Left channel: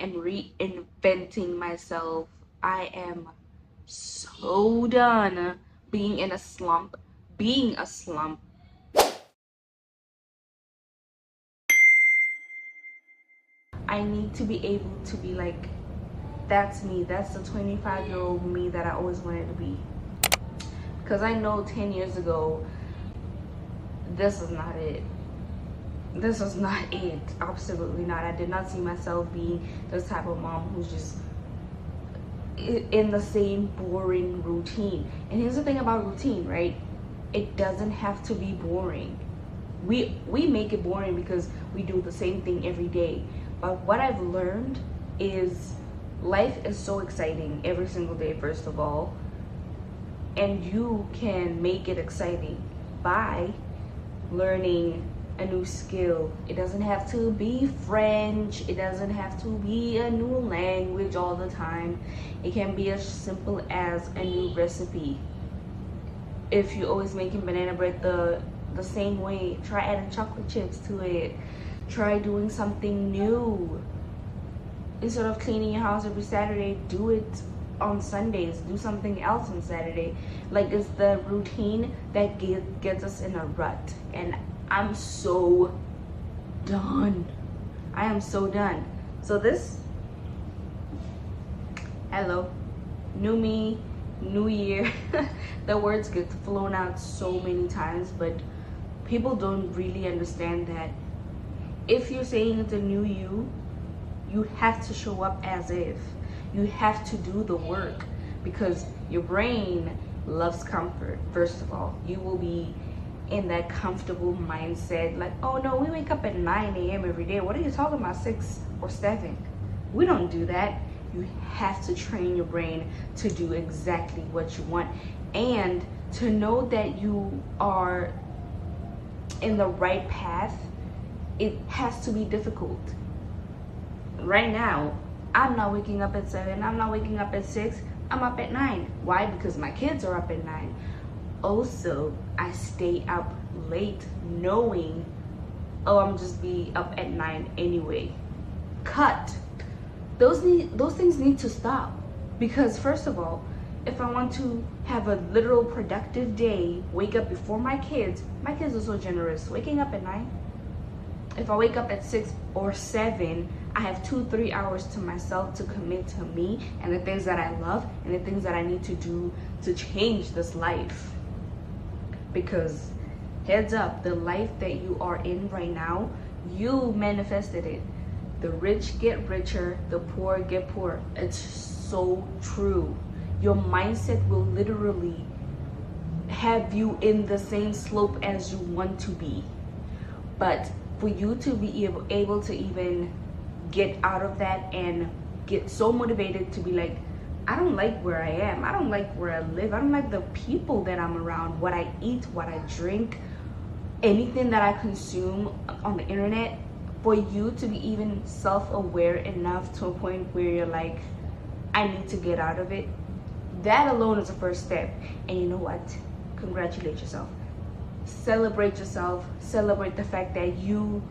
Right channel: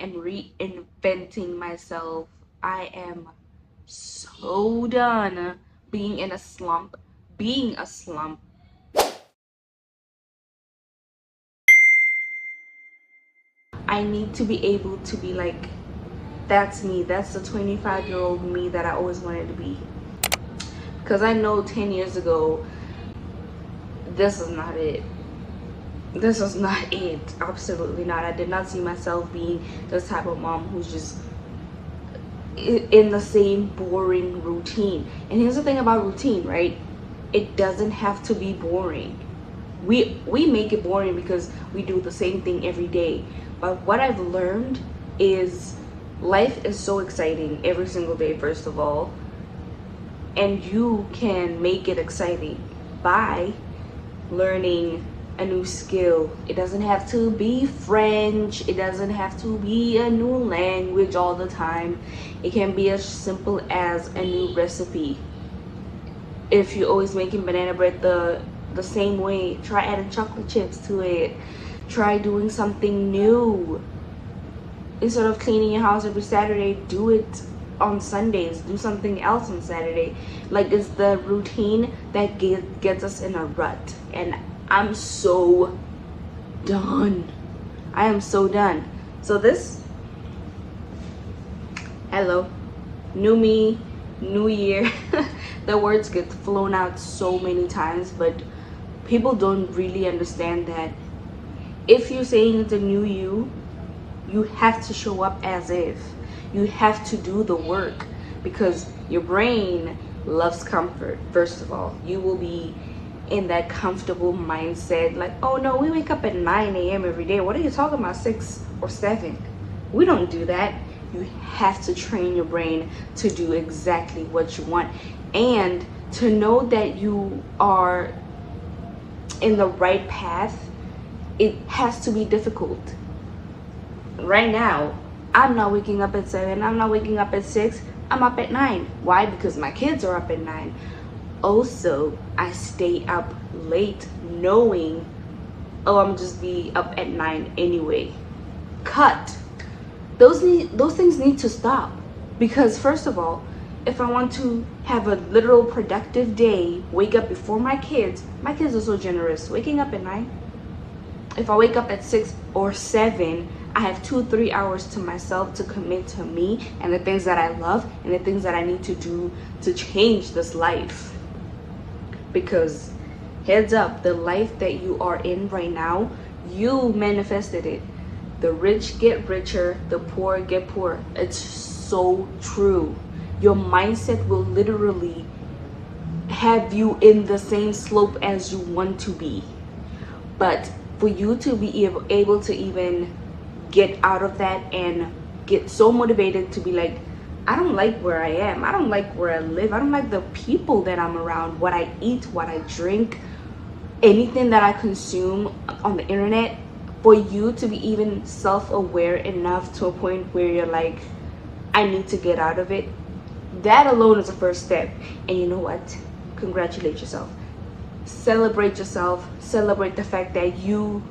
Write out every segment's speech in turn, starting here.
am reinventing myself. I am so done being in a slump. Being a slump. I need to be able to be like, that's me. That's the 25-year-old me that I always wanted to be. Because I know 10 years ago, this is not it. This is not it. Absolutely not. I did not see myself being this type of mom who's just in the same boring routine. And here's the thing about routine, right? It doesn't have to be boring. We make it boring because we do the same thing every day. But what I've learned is life is so exciting every single day, first of all, and you can make it exciting by learning a new skill. It doesn't have to be French, it doesn't have to be a new language all the time. It can be as simple as a new recipe. If you're always making banana bread the same way, try adding chocolate chips to it. Try doing something new. Instead of cleaning your house every Saturday, do it on Sundays. Do something else on Saturday. Like, it's the routine that gets us in a rut. And I'm so done. I am so done. So this, hello, new me, new year. The words get flown out so many times, but people don't really understand that if you're saying it's a new you, you have to show up as if. You have to do the work, because your brain loves comfort. First of all, you will be in that comfortable mindset like, oh no, we wake up at 9 a.m. every day. What are you talking about, 6 or 7? We don't do that. You have to train your brain to do exactly what you want, and to know that you are in the right path. It has to be difficult. Right now, I'm not waking up at 7, I'm not waking up at 6, I'm up at 9. Why? Because my kids are up at 9. Also, I stay up late knowing, oh, I'm just be up at 9 anyway. Cut. Those things need to stop. Because first of all, if I want to have a literal productive day, wake up before my kids are so generous. Waking up at 9. If I wake up at 6 or 7, I have 2-3 hours to myself to commit to me and the things that I love and the things that I need to do to change this life. Because heads up, the life that you are in right now, you manifested it. The rich get richer, the poor get poorer. It's so true. Your mindset will literally have you in the same slope as you want to be. But for you to be able to even get out of that and get so motivated to be like, I don't like where I am, I don't like where I live, I don't like the people that I'm around, what I eat, what I drink, anything that I consume on the internet, for you to be even self-aware enough to a point where you're like, I need to get out of it, that alone is the first step. And you know what? Congratulate yourself. Celebrate yourself. Celebrate the fact that you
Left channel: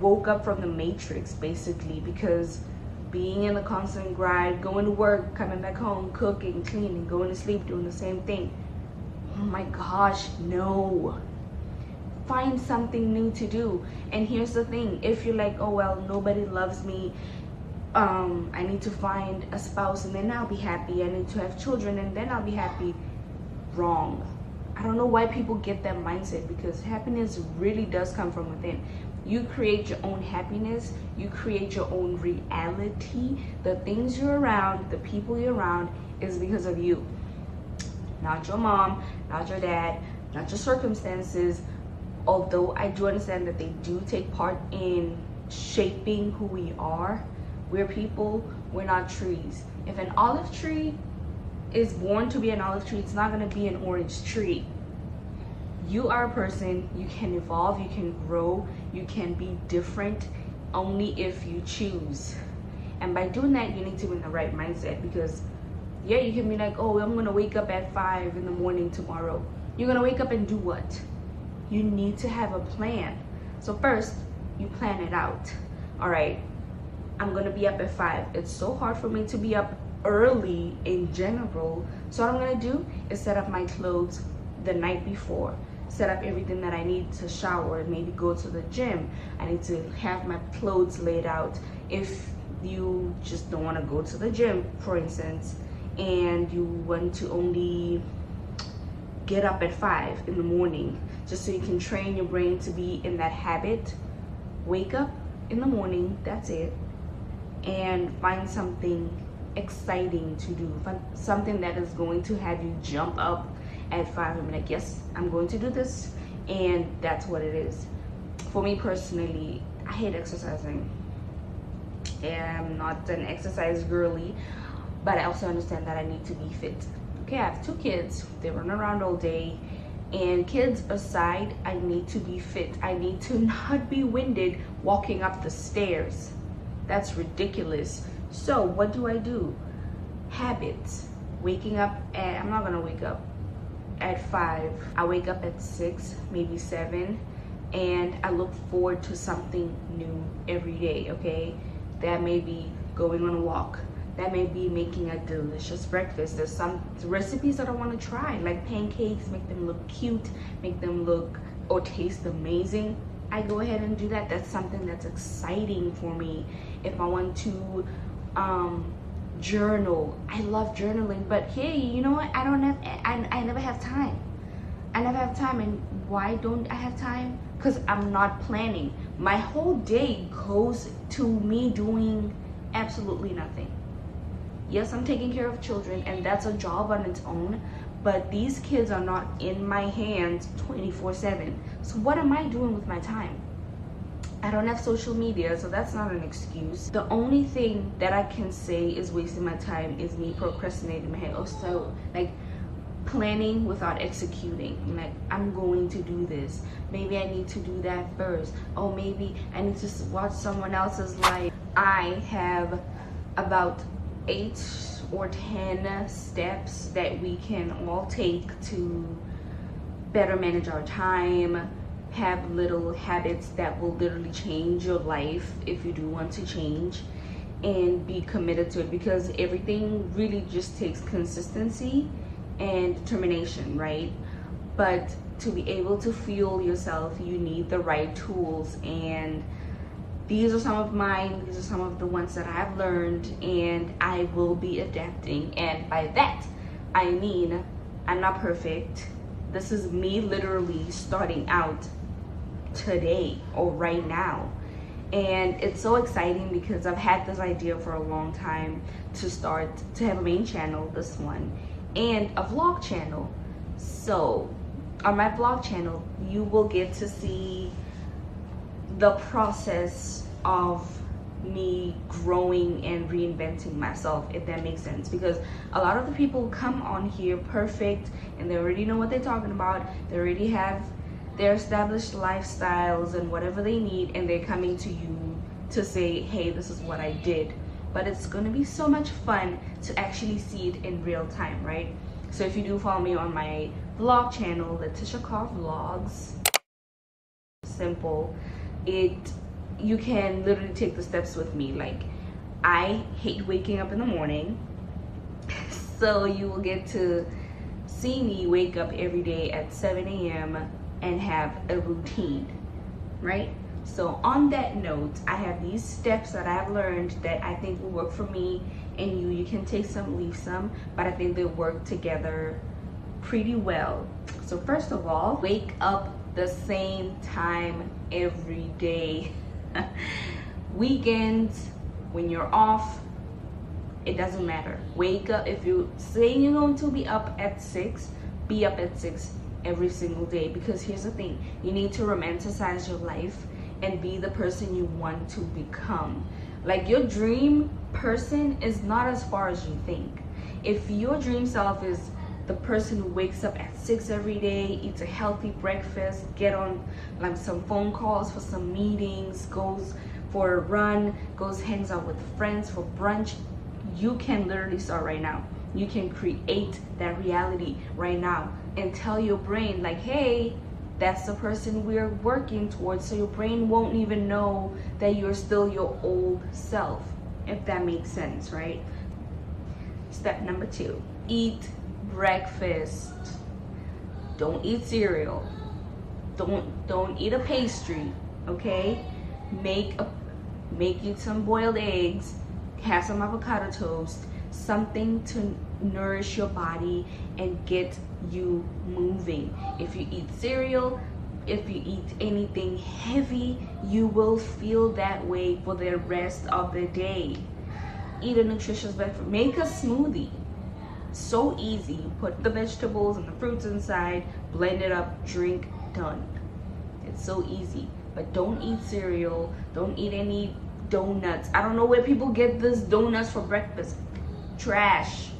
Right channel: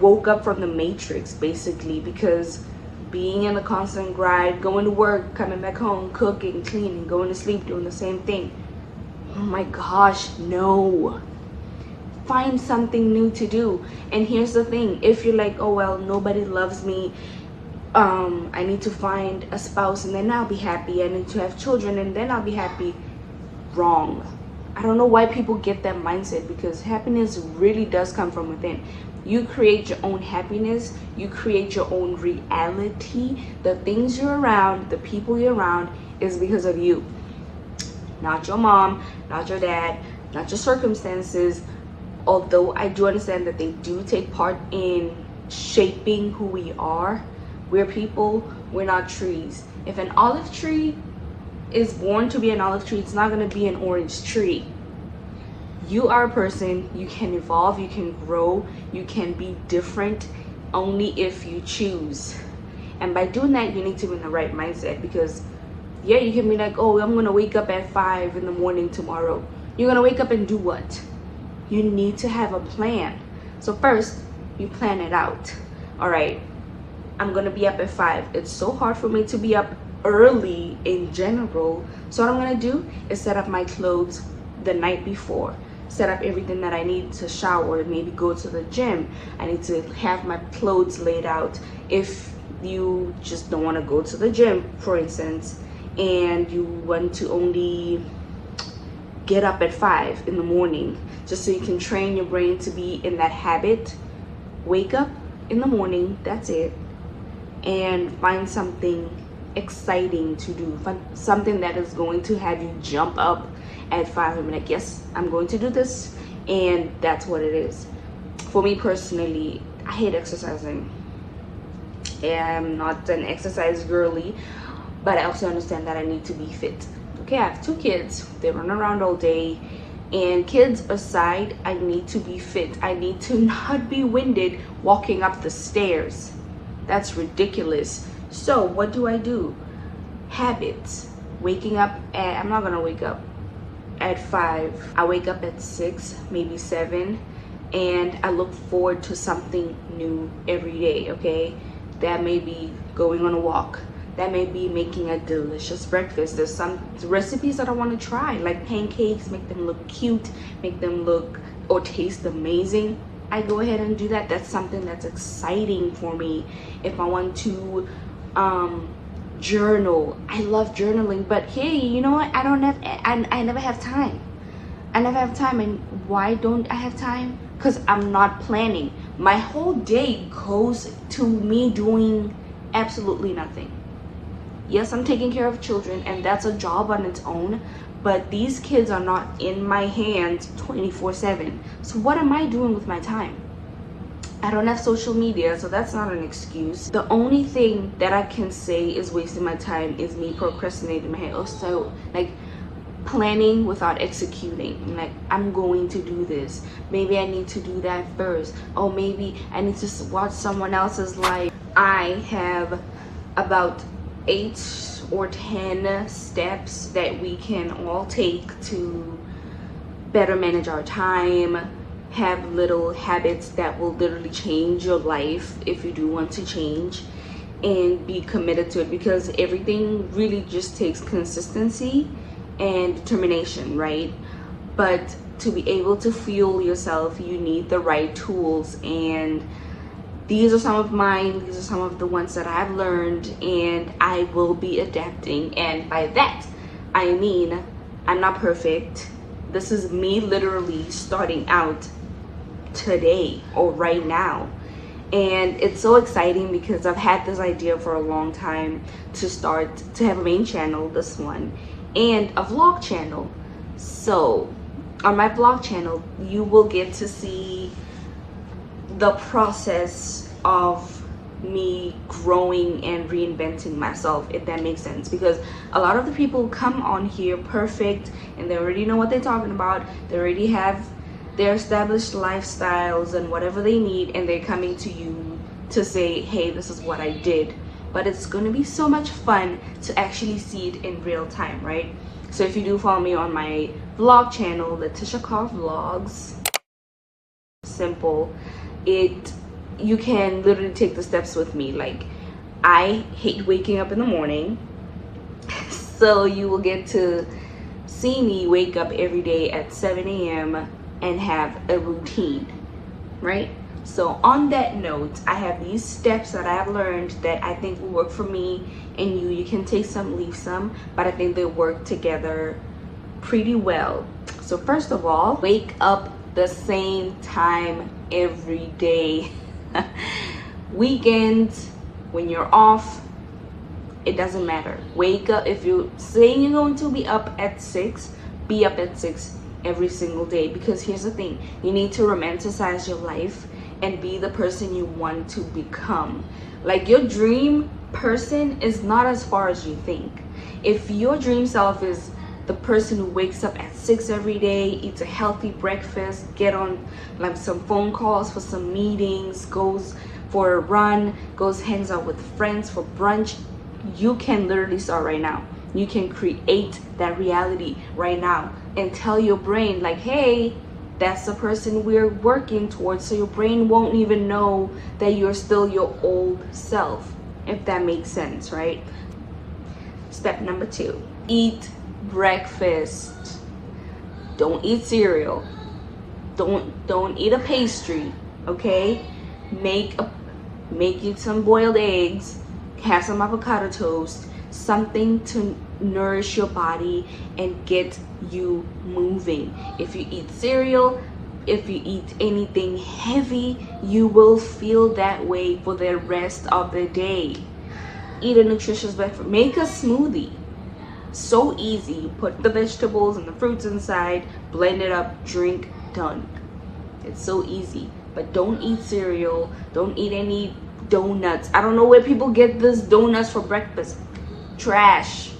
woke up from the matrix, basically, because being in a constant grind, going to work, coming back home, cooking, cleaning, going to sleep, doing the same thing, oh my gosh, no. Find something new to do. And here's the thing, if you're like, oh well, nobody loves me, I need to find a spouse and then I'll be happy, I need to have children and then I'll be happy. Wrong. I don't know why people get that mindset, because happiness really does come from within. You create your own happiness, you create your own reality. The things you're around, the people you're around, is because of you. Not your mom, not your dad, not your circumstances. Although I do understand that they do take part in shaping who we are. We're people, we're not trees. If an olive tree is born to be an olive tree, it's not going to be an orange tree. You are a person. You can evolve, you can grow, you can be different only if you choose. And by doing that, you need to be in the right mindset, because yeah, you can be like, oh, I'm gonna wake up at 5 in the morning tomorrow. You're gonna wake up and do what? You need to have a plan. So first, you plan it out. All right, I'm gonna be up at 5. It's so hard for me to be up early in general. So what I'm gonna do is set up my clothes the night before, set up everything that I need to shower, maybe go to the gym. I need to have my clothes laid out. If you just don't want to go to the gym, for instance, and you want to only get up at 5 in the morning, just so you can train your brain to be in that habit, wake up in the morning, that's it, and find something exciting to do, something that is going to have you jump up at 5 and be like, yes, I'm going to do this, and that's what it is. For me personally, I hate exercising. I'm not an exercise girly, but I also understand that I need to be fit. Okay, I have 2 kids, they run around all day, and kids aside, I need to be fit. I need to not be winded walking up the stairs. That's ridiculous. So what do? Habits. Waking up at, I'm not gonna wake up at 5. I wake up at 6, maybe 7, and I look forward to something new every day, okay? That may be going on a walk. That may be making a delicious breakfast. There's some recipes that I want to try, like pancakes, make them look cute, make them look or taste amazing. I go ahead and do that. That's something that's exciting for me. If I want to journal, I love journaling, but hey, you know what? I never have time. I never have time. And why don't I have time? Because I'm not planning. My whole day goes to me doing absolutely nothing. Yes, I'm taking care of children, and that's a job on its own, but these kids are not in my hands 24/7. So what am I doing with my time? I don't have social media, so that's not an excuse. The only thing that I can say is wasting my time is me procrastinating my head. Also, like, planning without executing. I'm like, I'm going to do this. Maybe I need to do that first. Oh, maybe I need to watch someone else's life. I have about 8 or 10 steps that we can all take to better manage our time, have little habits that will literally change your life if you do want to change, and be committed to it, because everything really just takes consistency and determination, right? But to be able to fuel yourself, you need the right tools, and these are some of mine. These are some of the ones that I've learned, and I will be adapting. And by that, I mean I'm not perfect. This is me literally starting out today or right now. And it's so exciting because I've had this idea for a long time to have a main channel, this one, and a vlog channel. So on my vlog channel, you will get to see the process of me growing and reinventing myself, if that makes sense. Because a lot of the people come on here perfect and they already know what they're talking about. They already have their established lifestyles and whatever they need, and they're coming to you to say, hey, this is what I did. But it's going to be so much fun to actually see it in real time, right? So if you do follow me on my vlog channel, Letitia Carr Vlogs, simple, you can literally take the steps with me. Like, I hate waking up in the morning, so you will get to see me wake up every day at 7 a.m. and have a routine, right? So on that note, I have these steps that I've learned that I think will work for me and you. You can take some, leave some, but I think they work together pretty well. So first of all, wake up the same time every day. Weekends, when you're off, it doesn't matter. Wake up. If you're saying you're going to be up at 6, be up at 6 every single day. Because here's the thing, you need to romanticize your life and be the person you want to become. Like, your dream person is not as far as you think. If your dream self is the person who wakes up at 6 every day, eats a healthy breakfast, get on like some phone calls for some meetings, goes for a run, hangs out with friends for brunch, you can literally start right now. You can create that reality right now and tell your brain, like, hey, That's the person we're working towards, so your brain won't even know that you're still your old self, if that makes sense, right? Step number 2, eat breakfast. Don't eat cereal. Don't eat a pastry, okay? Make you some boiled eggs, have some avocado toast, something to nourish your body and get you moving. If you eat cereal, if you eat anything heavy, you will feel that way for the rest of the day. Eat a nutritious breakfast. Make a smoothie. So easy. You put the vegetables and the fruits inside, blend it up, drink, done. It's so easy. But don't eat cereal. Don't eat any donuts. I don't know where people get this donuts for breakfast. Trash.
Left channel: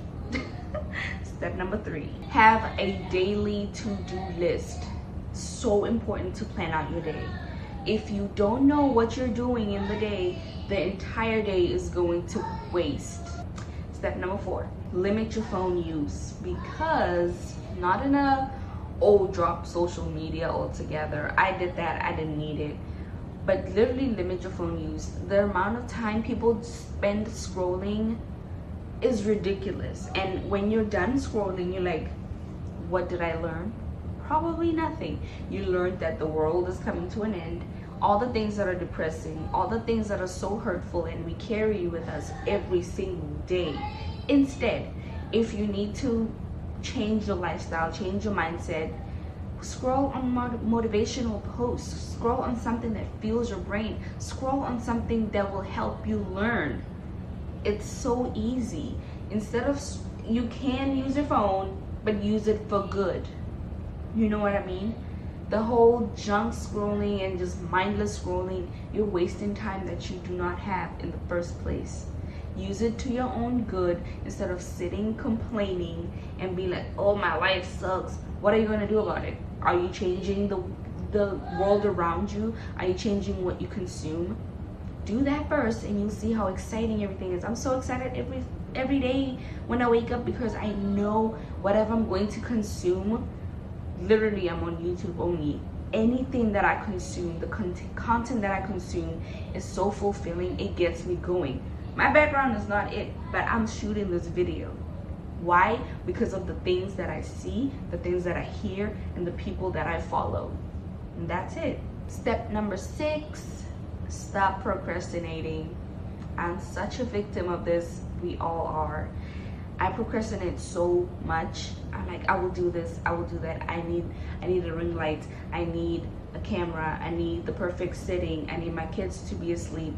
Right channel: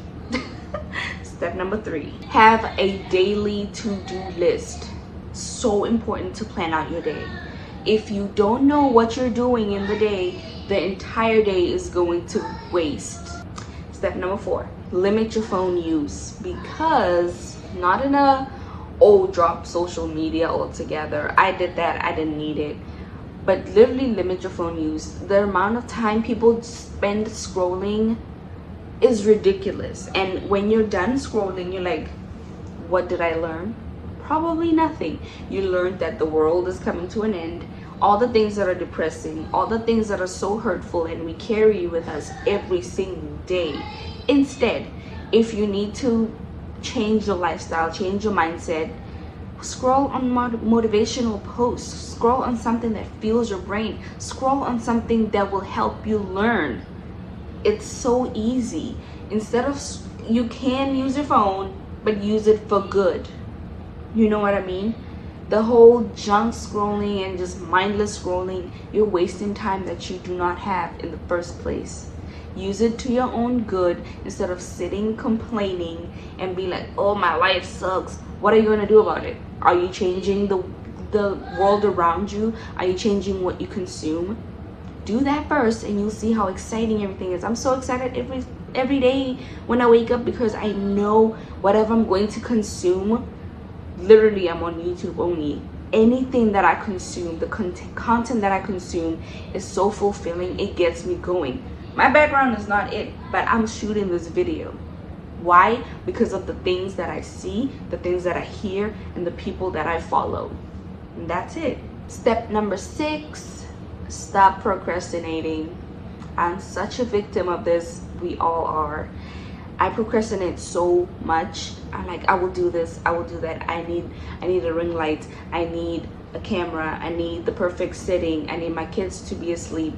Step number 3, have a daily to-do list. So important to plan out your day. If you don't know what you're doing in the day, the entire day is going to waste. Step number 4, limit your phone use, because not in a drop social media altogether. I did that. I didn't need it. But literally limit your phone use. The amount of time people spend scrolling is ridiculous. And when you're done scrolling, you're like, what did I learn? Probably nothing. You learned that the world is coming to an end. All the things that are depressing, all the things that are so hurtful, and we carry with us every single day. Instead, if you need to change your lifestyle, change your mindset, scroll on motivational posts, scroll on something that fuels your brain, scroll on something that will help you learn. It's so easy. Instead of, you can use your phone, but use it for good. You know what I mean? The whole junk scrolling and just mindless scrolling, you're wasting time that you do not have in the first place. Use it to your own good instead of sitting complaining and be like, oh, my life sucks. What are you going to do about it? Are you changing the world around you? Are you changing what you consume? Do that first and you'll see how exciting everything is. I'm so excited every day when I wake up, because I know whatever I'm going to consume, literally I'm on YouTube only. Anything that I consume, the content that I consume is so fulfilling. It gets me going. My background is not it, but I'm shooting this video. Why? Because of the things that I see, the things that I hear, and the people that I follow. And that's it. Step number 6, stop procrastinating. I'm such a victim of this. We all are. I procrastinate so much. I will do this, I will do that. I need a ring light. I need a camera. I need the perfect setting. I need my kids to be asleep.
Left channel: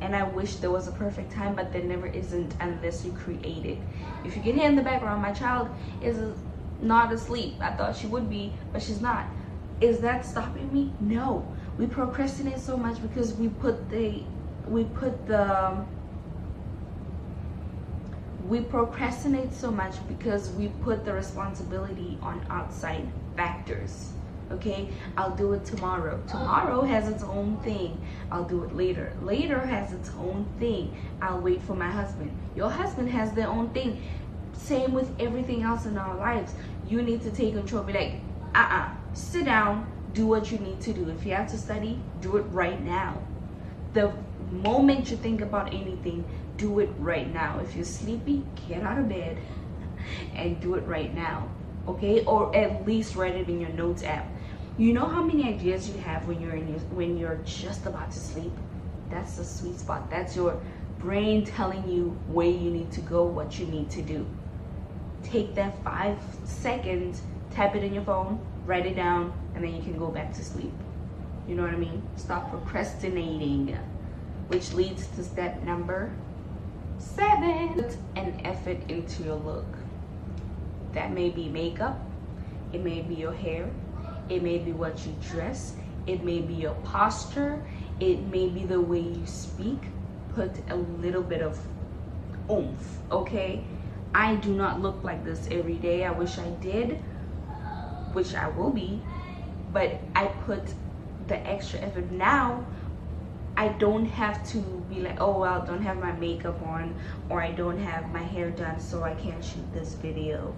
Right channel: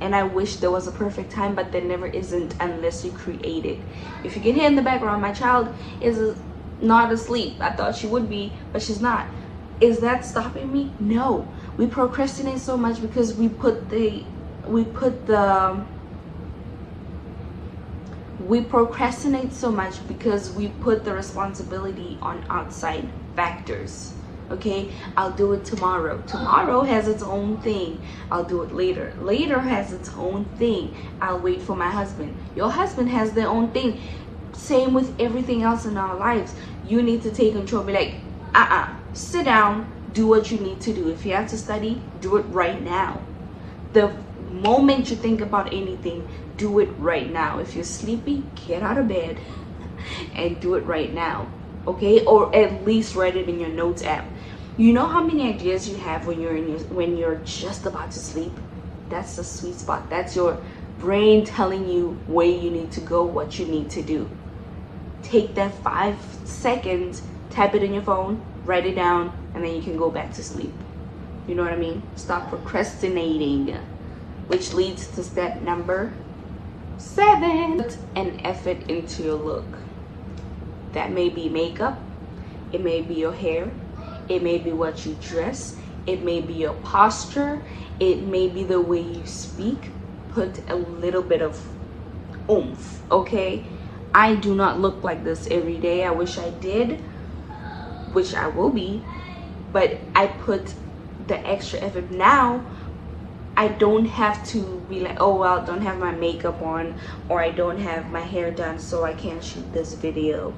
And I wish there was a perfect time, but there never isn't unless you create it. If you can hear in the background, my child is not asleep. I thought she would be, but she's not. Is that stopping me? No. We procrastinate so much because we procrastinate so much because we put the responsibility on outside factors. Okay, I'll do it tomorrow. Tomorrow has its own thing. I'll do it later. Later has its own thing. I'll wait for my husband. Your husband has their own thing. Same with everything else in our lives. You need to take control. Be like, sit down, do what you need to do. If you have to study, do it right now. The moment you think about anything, do it right now. If you're sleepy, get out of bed and do it right now. Okay, or at least write it in your notes app. You know how many ideas you have when you're just about to sleep? That's the sweet spot. That's your brain telling you where you need to go, what you need to do. Take that 5 seconds, type it in your phone, write it down, and then you can go back to sleep. You know what I mean? Stop procrastinating. Which leads to step number 7. Put an effort into your look. That may be makeup, it may be your hair, it may be what you dress, it may be your posture, it may be the way you speak. Put a little bit of oomph, okay? I do not look like this every day. I wish I did, which I will be, but I put the extra effort. Now I don't have to be like, oh well, I don't have my makeup on, or I don't have my hair done, so I can't shoot this video.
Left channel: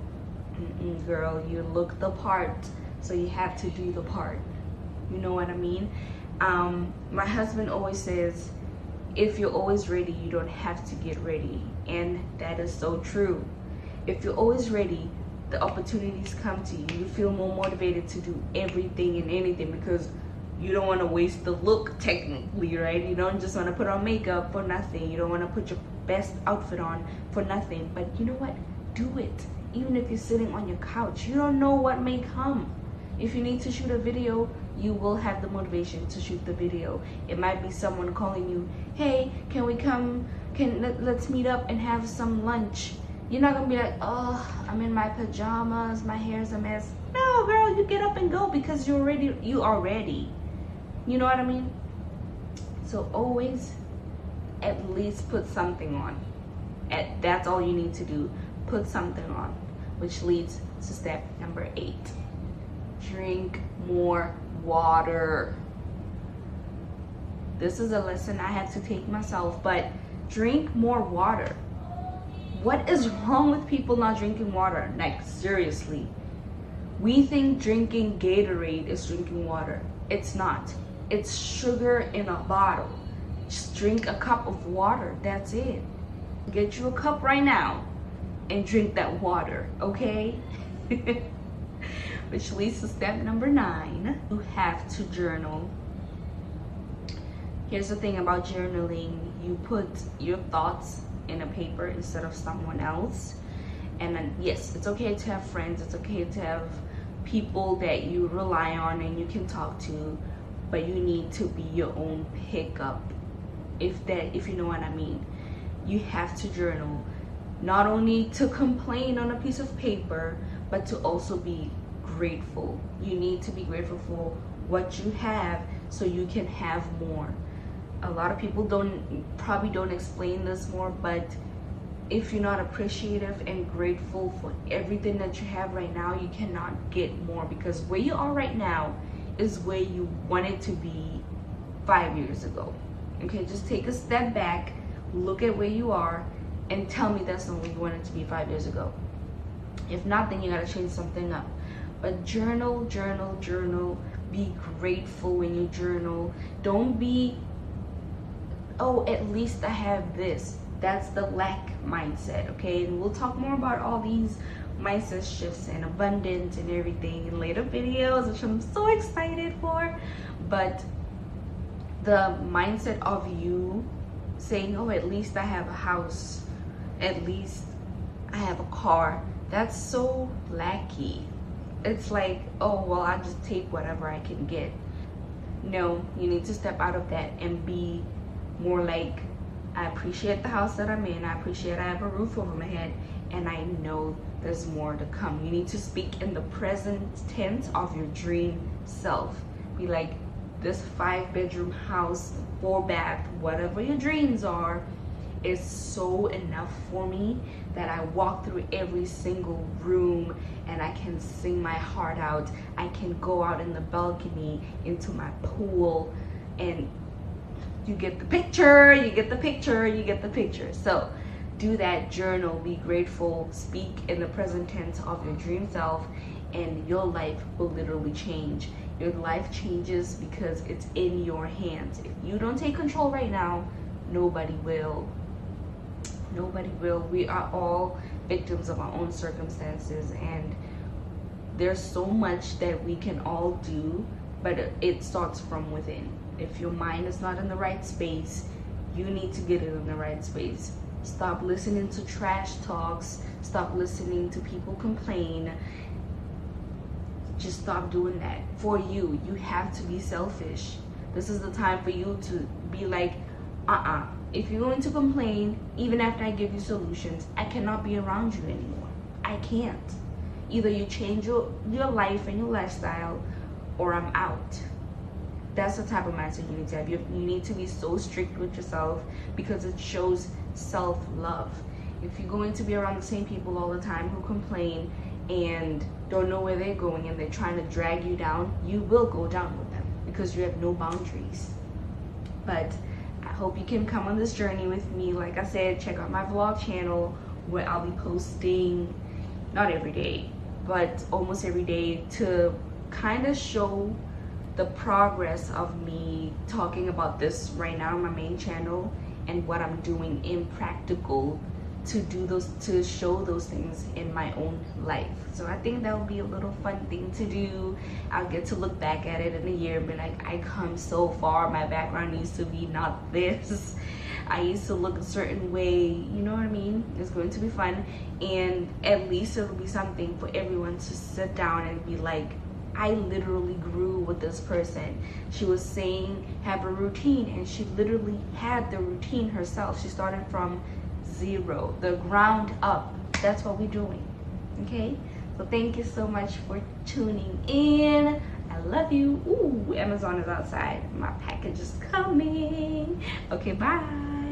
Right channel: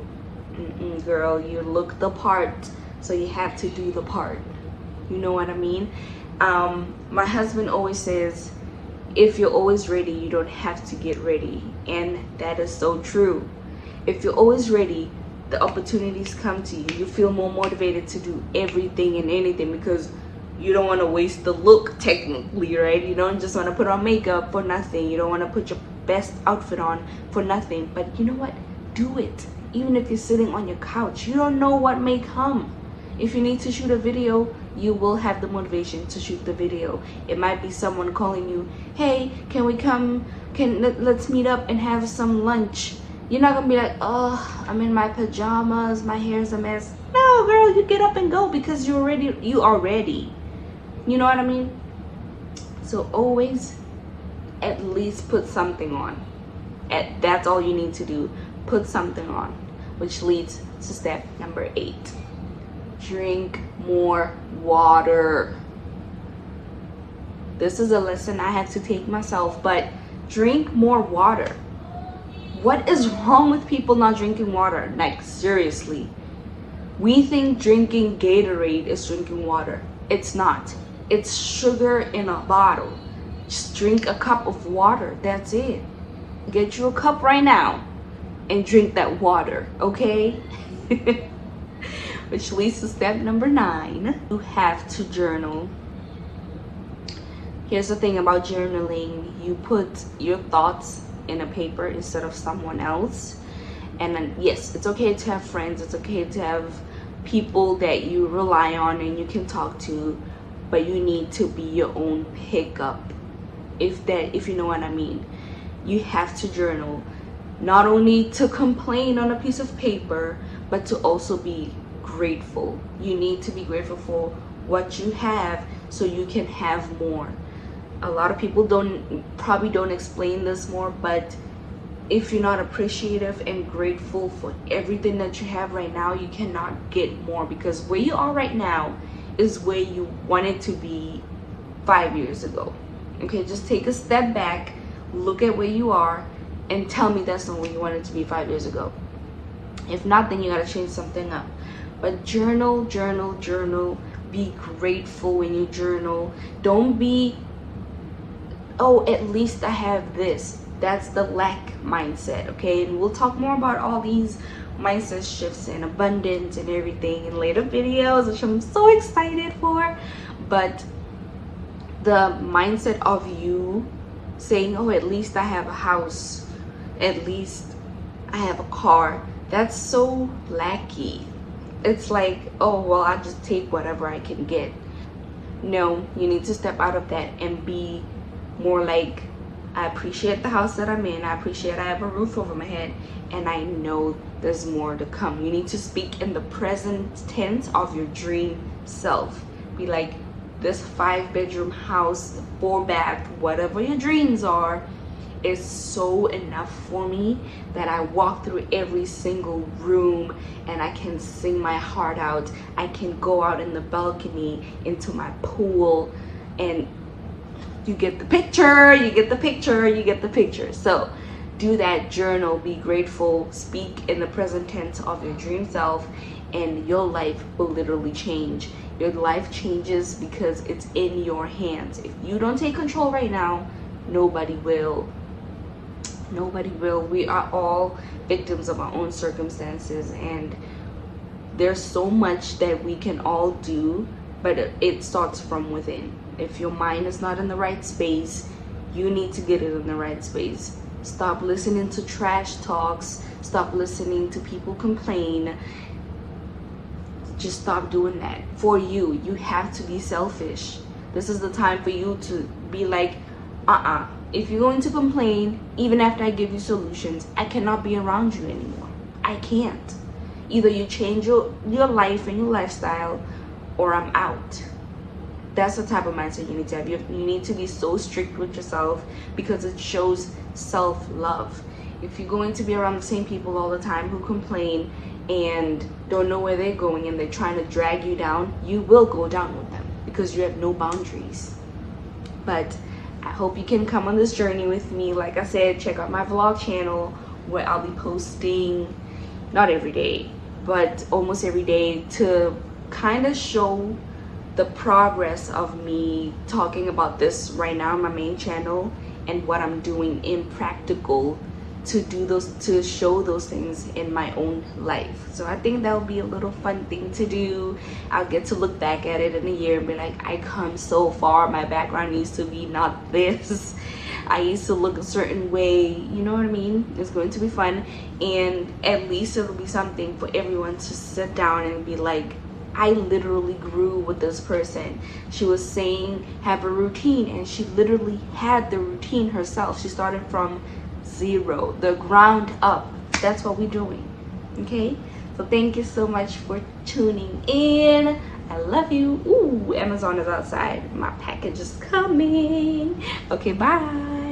Girl, you look the part, so you have to do the part. You know what I mean? My husband always says, if you're always ready, you don't have to get ready. And that is so true. If you're always ready, the opportunities come to you. You feel more motivated to do everything and anything because you don't want to waste the look, technically, right? You don't just want to put on makeup for nothing. You don't want to put your best outfit on for nothing. But you know what? Do it. Even if you're sitting on your couch, you don't know what may come. If you need to shoot a video, you will have the motivation to shoot the video. It might be someone calling you, hey, can we come, let's meet up and have some lunch. You're not gonna be like, oh, I'm in my pajamas, my hair's a mess. No, girl, you get up and go because you are ready. You know what I mean? So always at least put something on. That's all you need to do. Put something on, which leads to step number 8. Drink more water. This is a lesson I had to take myself, but drink more water. What is wrong with people not drinking water? Like, seriously. We think drinking Gatorade is drinking water. It's not. It's sugar in a bottle. Just drink a cup of water. That's it. Get you a cup right now and drink that water, okay? Which leads to step number 9. You have to journal. Here's the thing about journaling. You put your thoughts in a paper instead of someone else. And then, yes, it's okay to have friends. It's okay to have people that you rely on and you can talk to. But you need to be your own pickup. If you know what I mean. You have to journal. Not only to complain on a piece of paper, but to also be grateful. You need to be grateful for what you have so you can have more. A lot of people probably don't explain this more, but if you're not appreciative and grateful for everything that you have right now, you cannot get more, because where you are right now is where you wanted to be 5 years ago. Okay, just take a step back, look at where you are, and tell me that's not where you wanted to be 5 years ago. If not, then you gotta change something up. But journal. Be grateful when you journal. Don't be, oh, at least I have this. That's the lack mindset, okay? And we'll talk more about all these mindset shifts and abundance and everything in later videos, which I'm so excited for. But the mindset of you saying, oh, at least I have a house, at least I have a car, that's so lacky. It's like, oh, well, I just take whatever I can get. No, you need to step out of that and be more like, I appreciate the house that I'm in, I appreciate I have a roof over my head, and I know there's more to come. You need to speak in the present tense of your dream self. Be like, this 5-bedroom house, 4-bath, whatever your dreams are, is so enough for me that I walk through every single room and I can sing my heart out. I can go out in the balcony into my pool, and you get the picture, you get the picture, you get the picture. So do that, journal, be grateful, speak in the present tense of your dream self, and your life will literally change. Your life changes because it's in your hands. If you don't take control right now, nobody will. Nobody will. We are all victims of our own circumstances, and there's so much that we can all do, but it starts from within. If your mind is not in the right space, you need to get it in the right space. Stop listening to trash talks. Stop listening to people complain. Just stop doing that. For you, you have to be selfish. This is the time for you to be like, if you're going to complain, even after I give you solutions, I cannot be around you anymore. I can't. Either you change your life and your lifestyle, or I'm out. That's the type of mindset you need to have. You need to be so strict with yourself, because it shows self-love. If you're going to be around the same people all the time who complain and don't know where they're going and they're trying to drag you down, you will go down with them because you have no boundaries. But I hope you can come on this journey with me. Like I said, check out my vlog channel where I'll be posting, not every day, but almost every day, to kind of show the progress of me talking about this right now on my main channel, and what I'm doing in practical to do those, to show those things in my own life. So I think that would be a little fun thing to do. I'll get to look back at it in a year and be like, I come so far, my background used to be not this. I used to look a certain way, you know what I mean? It's going to be fun, and at least it'll be something for everyone to sit down and be like, I literally grew with this person. She was saying have a routine, and she literally had the routine herself. She started from zero, the ground up. That's what we're doing. Okay, so thank you so much for tuning in. I love you. Ooh, Amazon is outside, my package is coming. Okay, bye.